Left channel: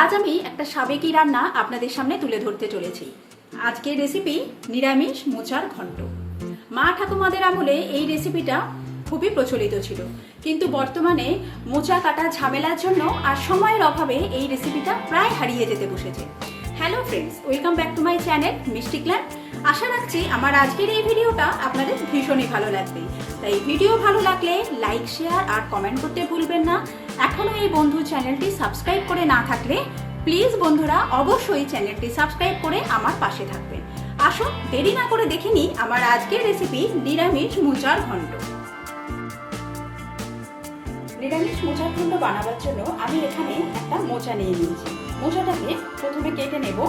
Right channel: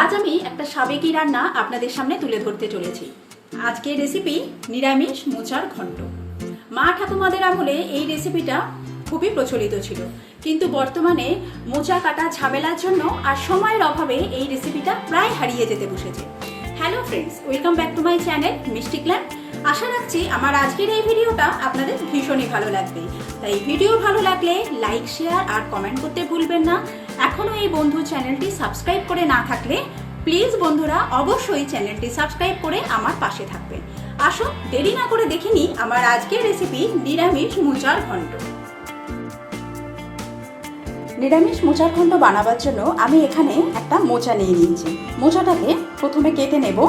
আজ আমি একটা সাবেকি রান্না আপনাদের সামনে তুলে ধরতে চলেছি। আজকের রেসিপি নিরামিষ মোচার ঘন্ট। মা ঠাকুমাদের আমলে এই রেসিপিটা খুবই প্রচলিত ছিল, কিন্তু বর্তমানে মোচা কাটা ঝামেলার জন্য আর সময়ের অভাবে এই রেসিপিটা প্রায় হারিয়ে যেতে বসেছে। Hello friends, welcome back to my channel মিষ্টি ক্ল্যান। আশা রাখছি আমার আজকের এই ভিডিওটা আপনাদের ভীষণই ভালো লাগবে। তাই ভিডিও ভালো লাগলে লাইক, শেয়ার আর কমেন্ট করতে ভুলবেন না। এখনও এই বন্ধু চ্যানেলটি সাবস্ক্রাইব করে না থাকলে প্লিজ বন্ধুরা অবশ্যই চ্যানেলটি সাবস্ক্রাইব করে আমার পাশে থাকবেন। আসুন দেরি না করে দেখে নিই আমার আজকের রেসিপি নিরামিষ মোচার ঘন্ট। নিরামিষ মোচার ঘন্ট বানাবার জন্য আমি এখানে একটা মোচা নিয়ে নিয়েছি। মোচাটাকে প্রথমে কেটে নেব।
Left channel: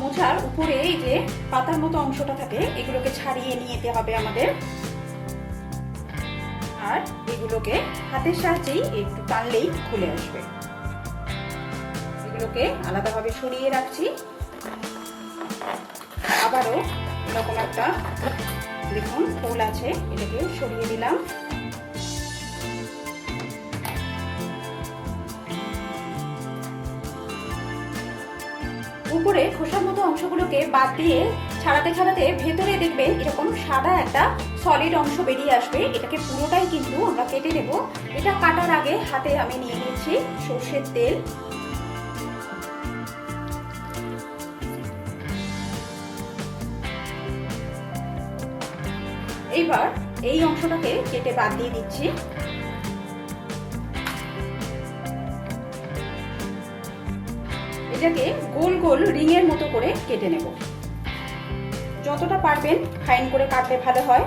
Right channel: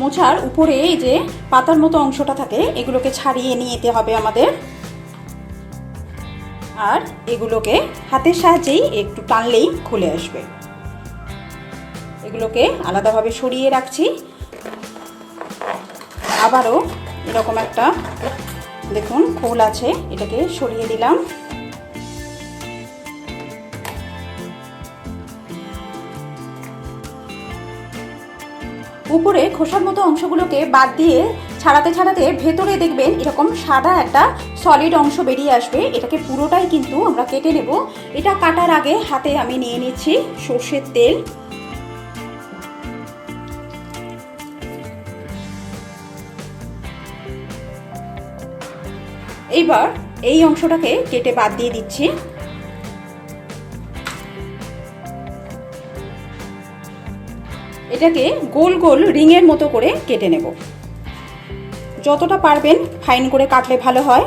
মোচার উপরে এই যে পাতার মতো অংশটা থাকে, এগুলোকে ছাড়িয়ে নিয়ে যেতে হবে আমাদের। আর এগুলোকে হাতের সাহায্যেই একটু টানলেই খুলে আসবে। এগুলোকে আলাদাভাবে সরিয়ে রাখছি। আবারও এরকম একটা দেখুন খোল আছে, এটাকে সরিয়ে দিলাম। উপরে খোসার মতো অংশগুলোকে বাদ দিয়ে ছাড়াতে ছাড়াতে ভেতরে দেখবেন এরকম সাদা একটা সলিড অংশ বেরিয়ে আসবে। এটাকে পুরোটাই কিন্তু আমরা কেটে নেব। এটা কাটার আগে হাতে আমি নিয়ে নিচ্ছি সর্ষের তেল। এইবার এই অংশটাকে কেটে বাদ দিয়ে দিচ্ছি। এটাকে গোল গোল রিংয়ের মতো করে কেটে নেব। যতটা পারবেন ফাইন করে কাটলে ভালো হয়।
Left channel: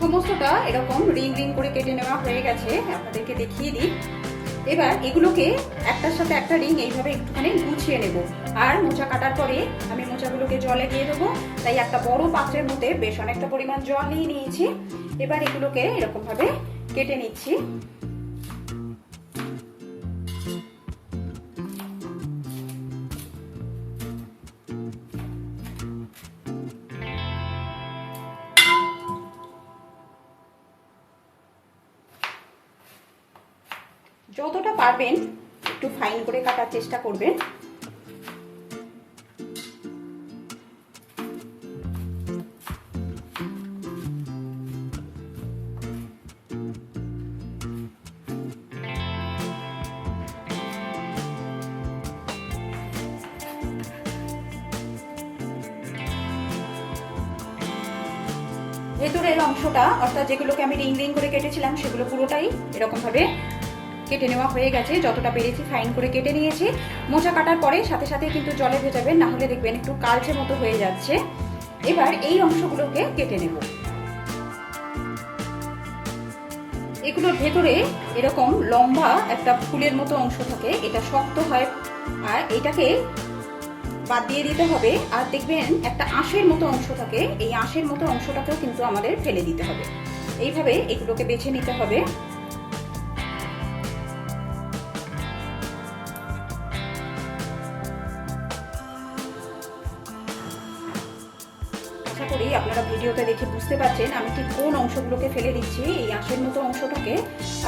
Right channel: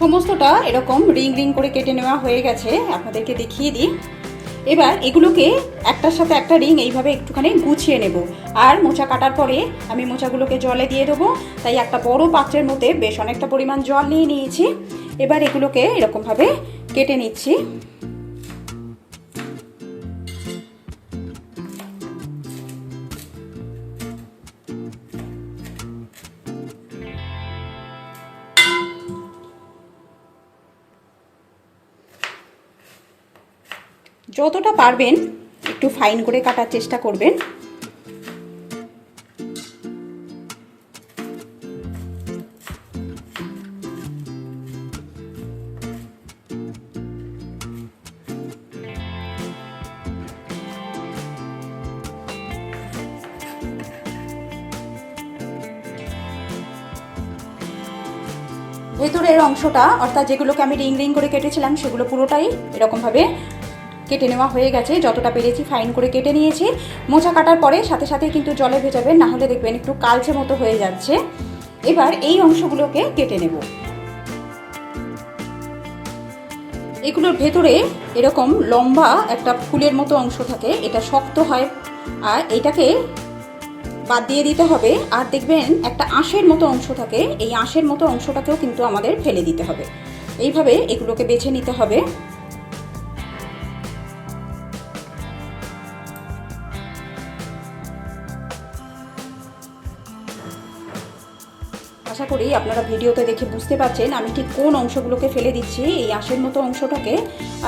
সমস্তটা এরকম রিং রিং করে কেটে নেওয়া হয়ে গেছে, আপনাদেরকে দেখিয়ে দিই। এবার এগুলোকে একটার সাথে একটা রিং এইভাবে একটুখানি গুছিয়ে নেব। আর মোচা কাটার পরে আমি মোচাগুলোকে জলে দিয়ে দেবো, তাই একটা বড় পাত্রের মধ্যে বেশ অনেকটা পরিমাণ জল নিয়ে নিয়েছি। এবার এগুলোকে এরকমভাবে কেটে নিচ্ছি। যতটা পারবেন একটু ফাইন করে কাটার চেষ্টা করবেন। ভেতরের অংশটা অর্থাৎ যেগুলোকে আমি রিং রিং করে কেটেছিলাম সেগুলো পুরোটাই এরকমভাবে কেটে নেওয়া হয়ে গেছে। যতটা পেরেছি ফাইন করে কেটে নিয়েছি। মোচা কাটার পরে সাথে সাথে কিন্তু জলে ভেজাবেন, না হলে দেখবেন একটু কালচে মতো হয়ে যাচ্ছে। এবার এই অংশগুলোকে কেটে নেব। এগুলোর ভেতরে এরকম লম্বা একটা ফুলের মতো অংশ থাকে, এটা শক্ত হয়, আর এটাকে বাদ দিয়ে দিতে হবে। আর দেখবেন একটা আঁশের মতো অংশ থাকে, এই আঁশের মতো অংশটাকেও কিন্তু আমাদের ফেলে দিতে হবে। এইভাবে এগুলোকে বেছে নিতে হবে। আশা করি আপনারা ভিডিওতে দেখে বুঝতে পারছেন আমি ঠিক কোন অংশগুলোকে ফেলে দিচ্ছি। এই আঁশের মতো অংশটাকে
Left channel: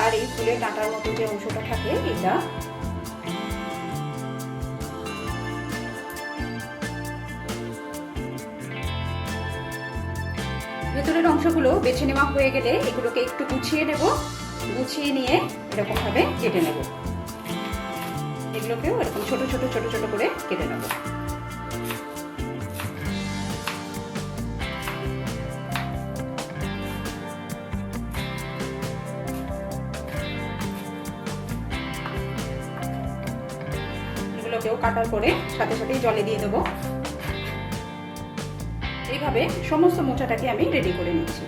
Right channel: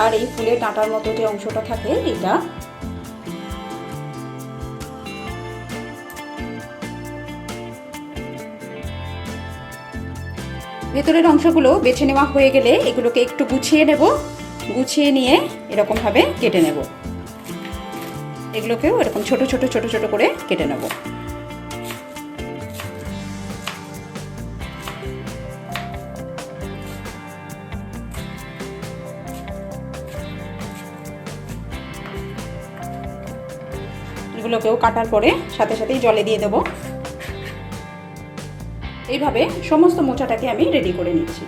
আর এই ফুলের ডাঁটার মতো যে অংশটা থাকে এটা। ভেতরের অংশগুলো বেছে নেওয়া হয়ে গেলে এগুলোকে একটু গুছিয়ে নেব। গুছিয়ে নিয়ে এরকমভাবে কেটে নেব। এগুলোকেও এরকম ছোট ছোট ছোট ছোট করে কেটে নেব। এগুলোকেও কাটার পরে সাথে সাথেই জলে দিয়ে দেবো। এইভাবে সমস্ত মোচাটাকে আমি রেডি করে নিচ্ছি।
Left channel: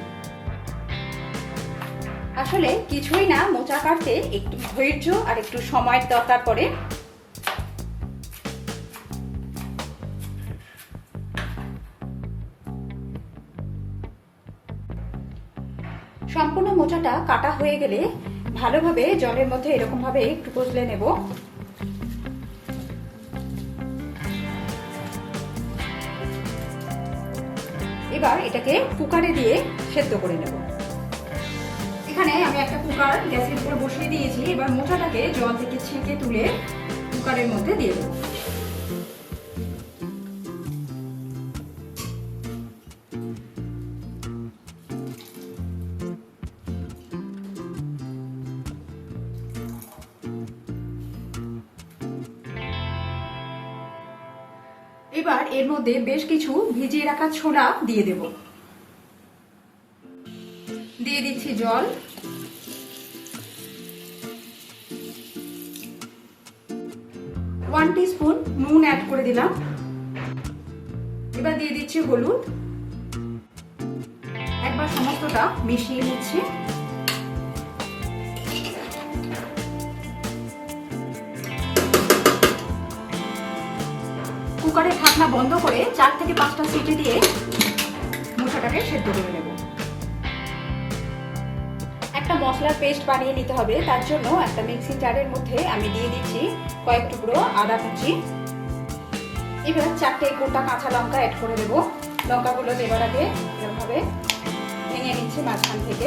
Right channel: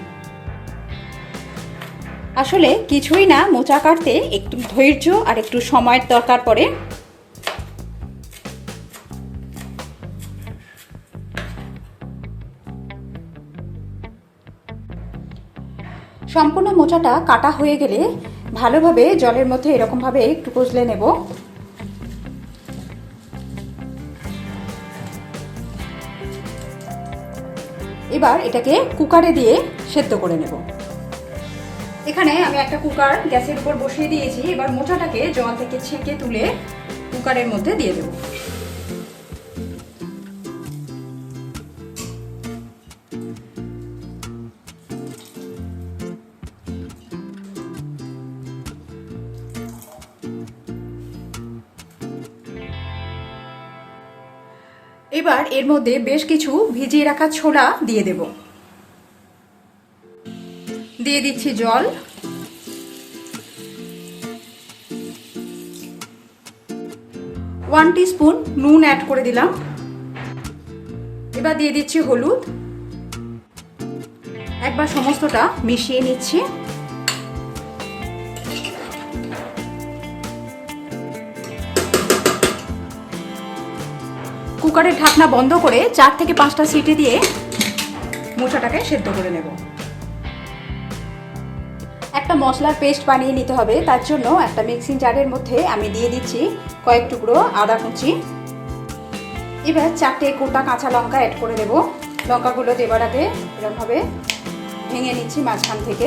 আসলে কিছুই না, মোচা কাটতে একটু ধৈর্য আর একটু সময়ের দরকার পড়ে। সম্পূর্ণ মোচাটা কাটা হয়ে গেলে ভালোভাবে জলের মধ্যে এরকমভাবে একটু কষলে নেব। এবার এটাকে কুকারে দিয়ে সেদ্ধ করে নেব। এখানে আমি একটা কুকার গ্যাসের উপর বসিয়ে দিয়েছি। এবার মোচাটাকে জল থেকে ছেঁকে তুলে কুকারের মধ্যে দিয়ে দেব। এবার এর মধ্যে বেশ কিছু ভিজিয়ে রাখা ছোলা দিয়ে দেব। দিয়ে দিচ্ছি জল, 1 টিস্পুন নুন অ্যাড করে দিলাম। এবার দিয়ে দিচ্ছি হলুদ। একবার সমস্তটা মিশিয়ে নিচ্ছি। কুকারের ঢাকনা বন্ধ করে 4 থেকে 5টা সিটি দিয়ে মোচাটাকে সেদ্ধ করে নেব। একটা মশলার পেস্ট বানিয়ে নিতে হবে। তার জন্য একটা মিক্সিং জারের মধ্যে আমি দিয়ে দিচ্ছি কয়েক টুকরো আদা কুচি। এবার 4টে গোটা কাঁচা লঙ্কা অ্যাড করে দেব। লঙ্কাগুলো দেবার আগে এরকমভাবে ভেঙে নিচ্ছি মাঝখান থেকে।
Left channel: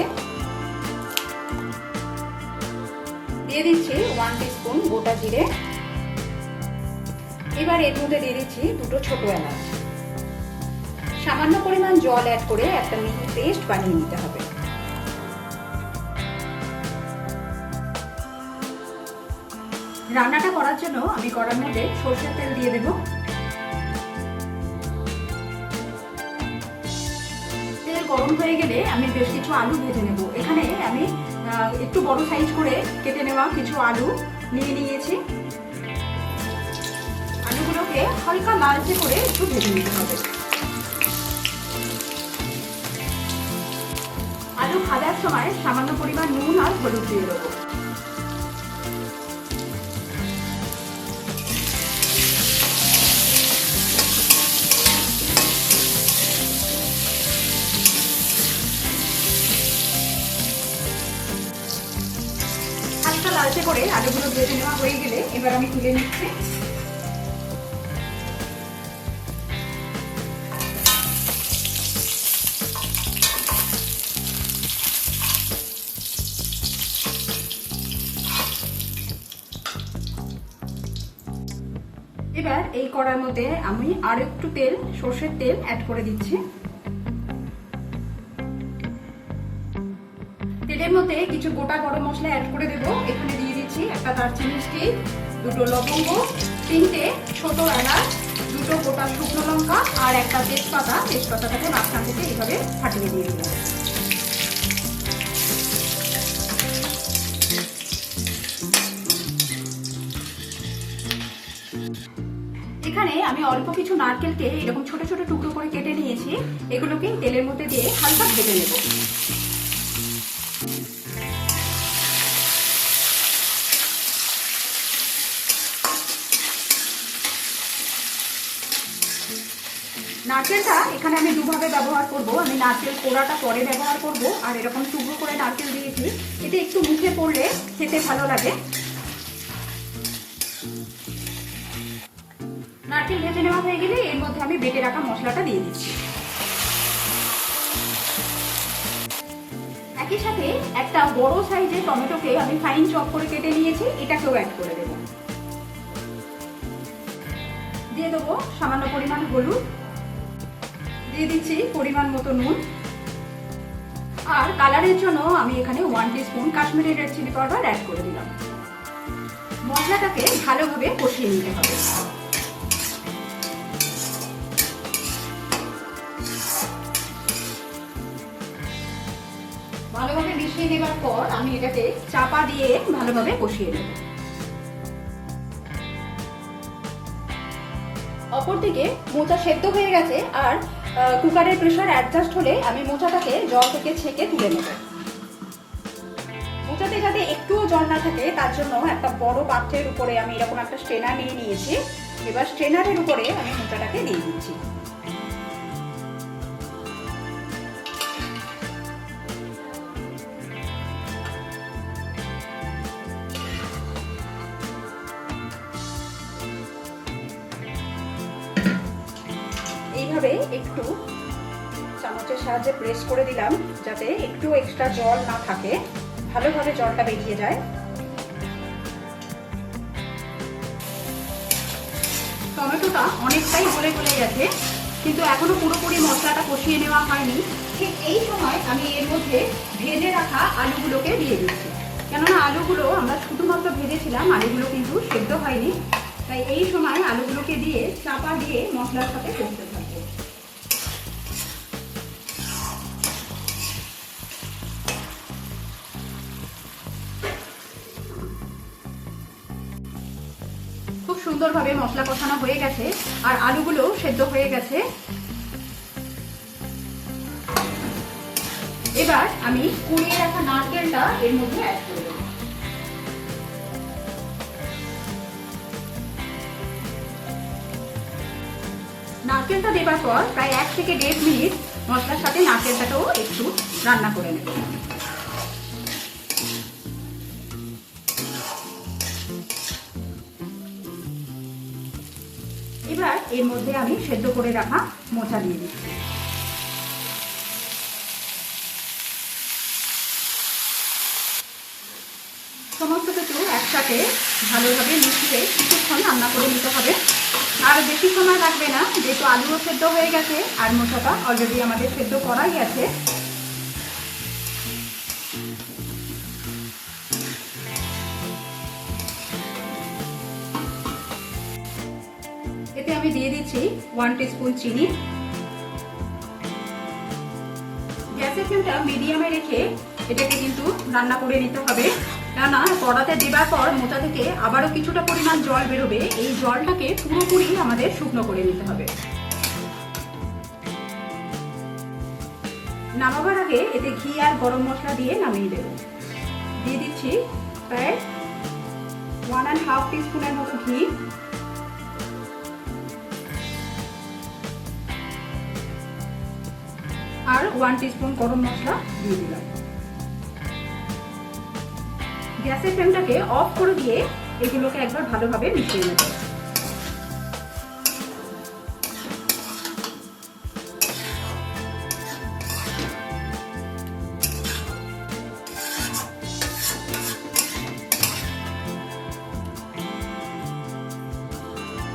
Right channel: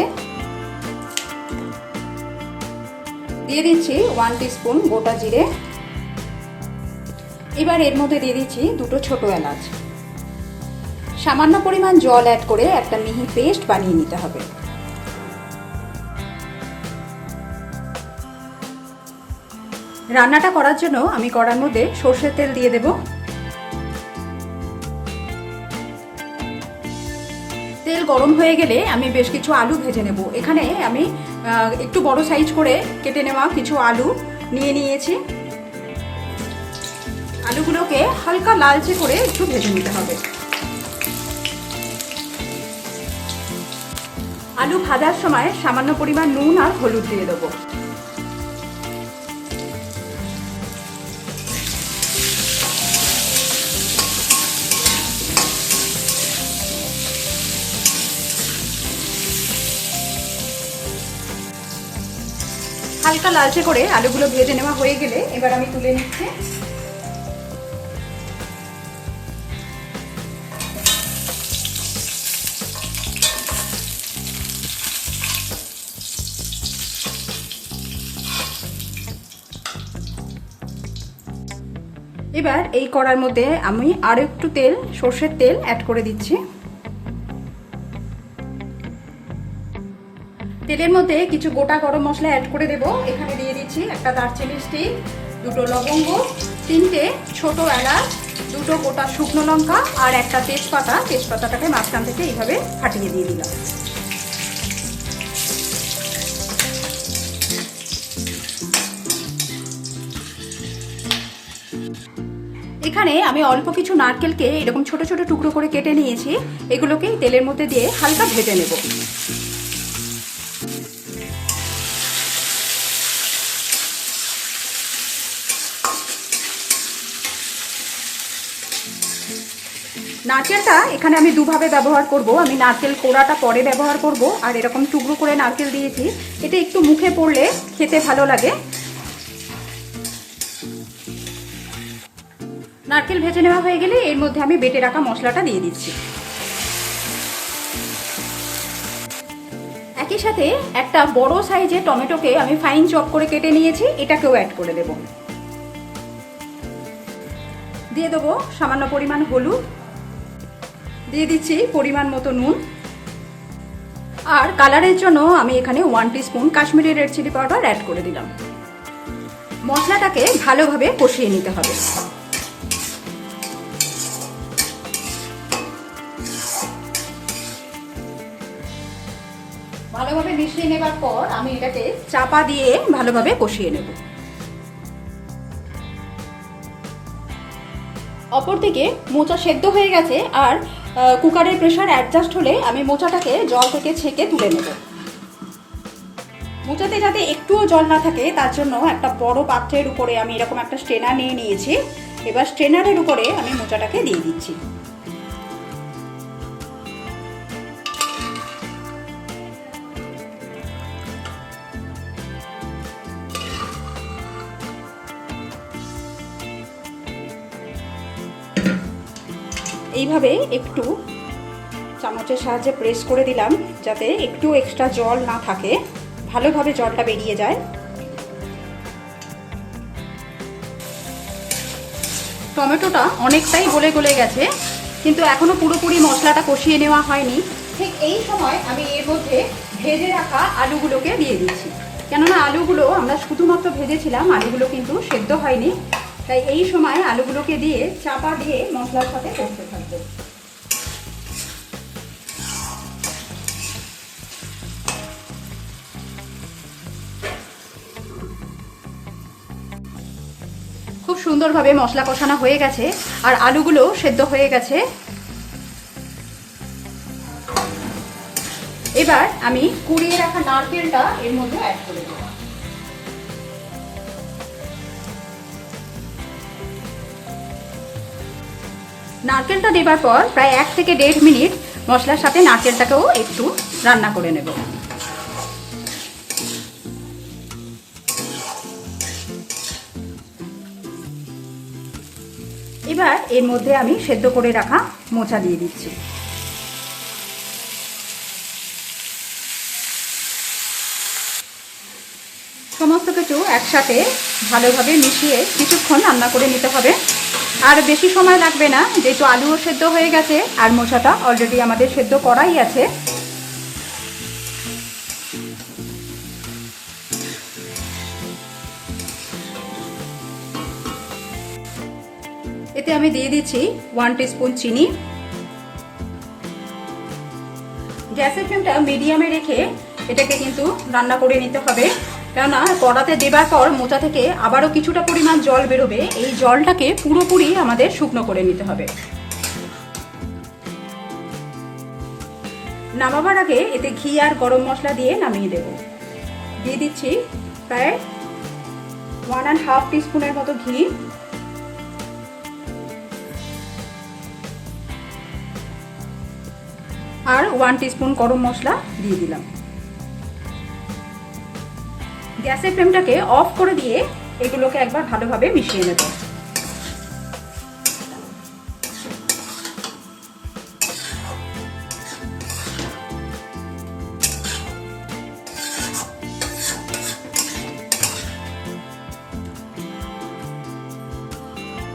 দিয়ে দিচ্ছি 1 টিস্পুন গোটা জিরে। এবার এর মধ্যে দিয়ে দিচ্ছি 2টো ছোট এলাচ। সামান্য পরিমাণ জল অ্যাড করে একটা মিহি পেস্ট বানিয়ে নিতে হবে। রান্নাটা করার জন্য আমি কড়ার মধ্যে সরষের তেল দিয়ে দেব। তেল গরম হয়ে গেলে আমি বেশ কিছু আলু ভেজে নেব। এখানে আমি একটু বড় সাইজ করে কেটে নেওয়া কিছু আলু নিয়ে নিয়েছি। আলুগুলোকে হালকা লালচে করে একটু ভেজে নিতে হবে। আলু ভাজার সময় সামান্য পরিমাণ নুন আর হলুদ দিয়ে দেবো। হালকা লালচে করে আলুগুলো ভেজে নেওয়া হয়ে গেলে এবার আমি তুলে নিচ্ছি। এবার এই কড়ার মধ্যে আমি আরো একটু তেল, সরষের তেল অ্যাড করে দিচ্ছি। তেলের মধ্যে কিছু গোটা গরম মশলা অ্যাড করে দেব। এখানে দিয়ে দিচ্ছি একটা দারচিনি স্টিক, 2টো লবঙ্গ, 3টে ছোট এলাচ, 2টো গোটা শুকনো লঙ্কা আর একটা তেজপাতা। তেজপাতাটাকে মাঝখান থেকে এইভাবে ফাটিয়ে দিয়ে দিলাম। এখানে আমি অল্প কিছু নারকেলকে এরকম ছোট ছোট টুকরো করে কেটে নিয়েছি। এগুলোকে তেলের মধ্যে দিয়ে হালকা ভেজে নেব। নারকেলটা এখানে আমি দুভাবে ব্যবহার করব। আমি নারকেল কোড়াটা পরে ব্যবহার করব, আর এরকম টুকরো করে নারকেল দিয়েছি। এটা একটু মুখে পড়লে খেতে ভালো লাগে। নারকেল ভেজে নেওয়া হয়ে গেলে এর মধ্যে আমি বেটে রাখা মশলাটা দিয়ে দিচ্ছি। একই সাথে একটা বড় সাইজের টমেটোকে আমি ফাইন চপ করে কেটে নিয়েছি, এটাকেও অ্যাড করে দেব। দিয়ে দেবো সামান্য পরিমাণ হলুদ, দিয়ে দিচ্ছি পরিমাণ মতো নুন, আর কালারের জন্য আমি এখানে 1 teaspoon Kashmiri red chilli powder add করে দিলাম। মশলাটাকে ভালোভাবে কষিয়ে নিতে হবে। ভালোভাবে মিশিয়ে নেবার পর আমি এটাকে চাপা দিয়ে ভালোভাবে কষিয়ে নেব। অপরদিকে মোচা সেদ্ধ হয়ে গেছে, আর কুকারের প্রেসার অ্যাডজাস্ট হলে আমি মোচাটাকে জল থেকে ছেঁকে তুলে নেব। মোচাতে যাতে একটুও জল না থাকে তার জন্য একটা বড় পাত্রের উপরে আমি এরকম একটা স্ট্রেনার নিয়ে নিয়েছি। এবার স্ট্রেনারের উপরে আমি মোচাটাকে দিয়ে দিচ্ছি। এইভাবে একটু চামচের সাহায্যে প্রেস করে দিলাম যাতে একটু এক্সট্রা জল না থাকে, ভালোভাবে জলটা বেরিয়ে যায়। টমেটোটা অনেকটাই গলে গলে গেছে, কিন্তু এখনো পুরোপুরি মশলাটা কষিয়ে নেওয়া হয়নি। ঠিক এই সময় আমি এর মধ্যে ভেজে রাখা আলুগুলোকে দিয়ে দিচ্ছি, কেননা আলুগুলো আমরা শুধুমাত্র ভেজেছিলাম, আলুগুলো কিন্তু সেদ্ধ হয়নি। তাই এই সময় আলুগুলোকে দিয়ে চাপা দিয়ে মশলার সাথে কষতে থাকবে। খুব সুন্দরভাবে মশলা কষানো হয়ে গেছে আর আলুগুলো সেদ্ধ হয়ে গেছে। এবার আমি কুড়িয়ে রাখা নারকেলটা এর মধ্যে অ্যাড করে দেব। নারকেলটা দেবার পর প্রায় 1 থেকে 1.5 মিনিট মশলার সাথে নারকেলটাকেও একটু রান্না করে নেব। এবার এর মধ্যে আমি সেদ্ধ করে রাখা মোচা দিয়ে দিচ্ছি। সমস্ত কিছু একসাথে ভালোভাবে মিশিয়ে কিছুক্ষণ রান্না করে নিতে হবে। আর বেশি সময় লাগবে না, যেহেতু আলুও সেদ্ধ হয়ে গেছে আর মোচাটা অলরেডি আমাদের সেদ্ধ করাই আছে। এতে আমি দিয়ে দিচ্ছি 1 টিস্পুন চিনি। গ্যাসের ফ্লেমটা মিডিয়ামে রেখে এটাকে কিন্তু রান্না করে নিতে হবে, কেননা কড়াতে দেবার পর মোচা থেকে আবারও কিছুটা পরিমাণ জল বেরোবে। এই জলটাকে পুরোপুরি আমাদের শুকনো করে নিতে হবে। নামাবার আগে এতে ঘি আর গরম মশলা দিয়ে নামিয়ে দেব। দিয়ে দিচ্ছি প্রায় 1.5 টিস্পুনের মতো ঘি, আর 1 টিস্পুন গরম মশলা দিয়ে দিলাম। গ্যাসের ফ্লেমটাকে অফ করে দিয়ে এগুলোকে একবার ভালোভাবে মিশিয়ে নেব।